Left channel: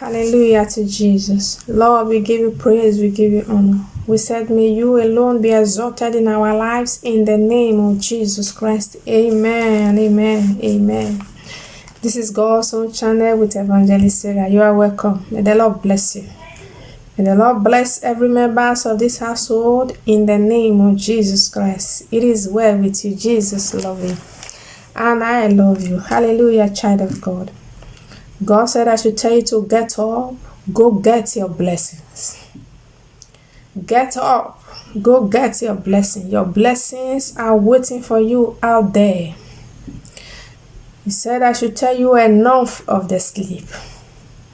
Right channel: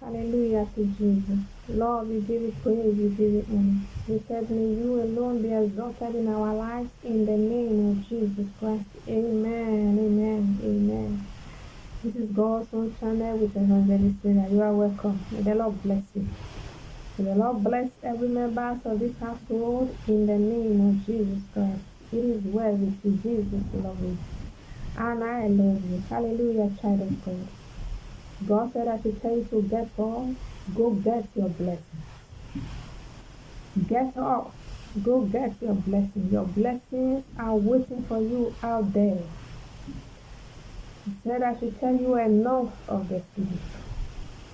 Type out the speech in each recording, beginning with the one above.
Hallelujah to Jesus. Lord, we give you praise, we give you honor. We said, may you alone be exalted in our lives in the name of Jesus Christ. Amen, amen, amen. This is God's own channel with Evangelist Sarah. You are welcome. May the Lord bless you. May the Lord bless every member of this household in the name of Jesus Christ. It is well with you. Jesus love you. And I love you. Hallelujah, child of God. God said I should tell you to get up, go get your blessings. Get up, go get your blessing. Your blessings are waiting for you out there. He said I should tell you enough of the sleep.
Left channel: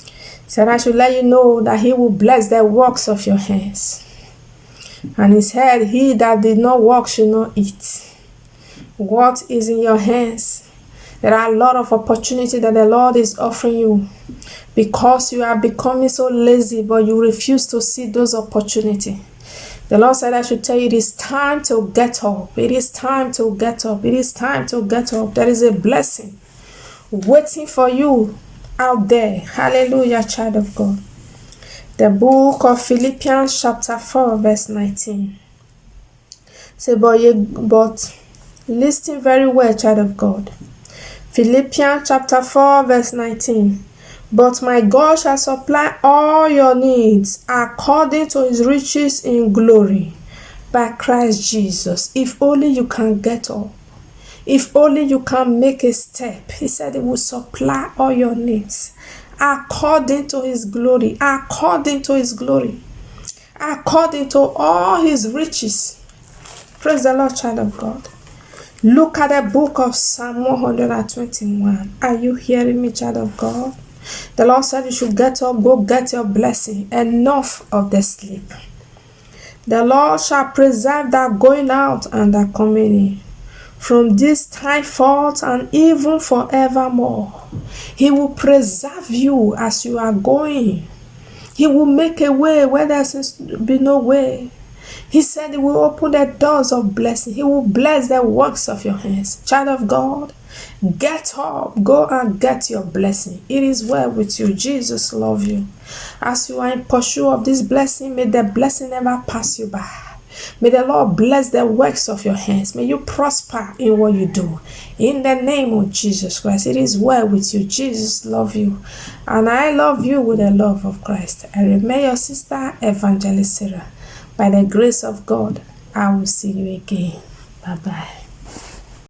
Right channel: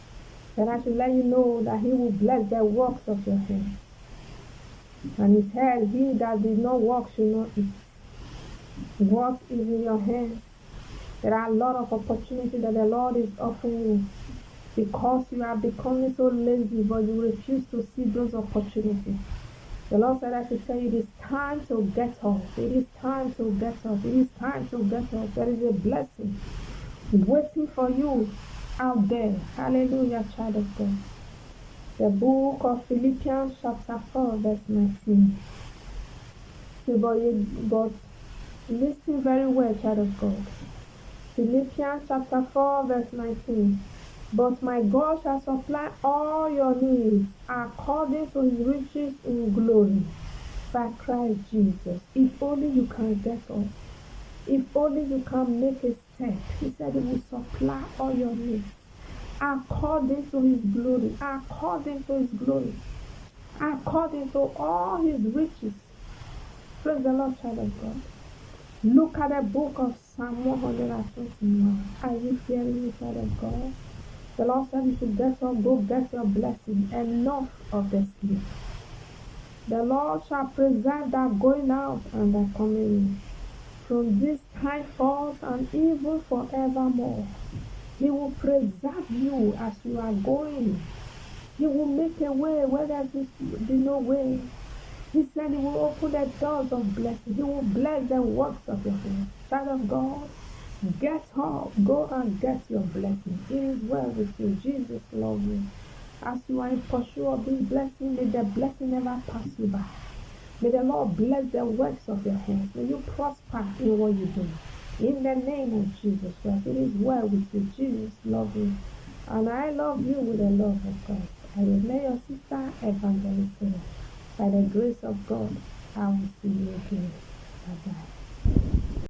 He said I should let you know that he will bless the works of your hands. And he said, he that did not work should not eat. What is in your hands? There are a lot of opportunity that the Lord is offering you because you are becoming so lazy, but you refuse to see those opportunities. The Lord said I should tell you it is time to get up. It is time to get up. It is time to get up. There is a blessing waiting for you out there. Hallelujah, child of God. The book of Philippians chapter 4 verse 19. Say, but listen very well, child of God. Philippians chapter 4 verse 19. But my God shall supply all your needs according to his riches in glory by Christ Jesus. If only you can get up. If only you can make a step. He said he will supply all your needs according to his glory. According to his glory. According to all his riches. Praise the Lord, child of God. Look at the book of Psalm 121. Are you hearing me, child of God? The Lord said you should get up, go get your blessing. Enough of the sleep. The Lord shall preserve that going out and that coming in from this time forth and even forevermore. He will preserve you as you are going. He will make a way where there seems to be no way. He said he will open the doors of blessing. He will bless the works of your hands. Child of God, get up. Go and get your blessing. It is well with you. Jesus loves you. As you are in pursuit of this blessing, may the blessing never pass you by. May the Lord bless the works of your hands. May you prosper in what you do. In the name of Jesus Christ, it is well with you. Jesus loves you. And I love you with the love of Christ. I remain your sister, Evangelist Sarah. By the grace of God, I will see you again. Bye-bye.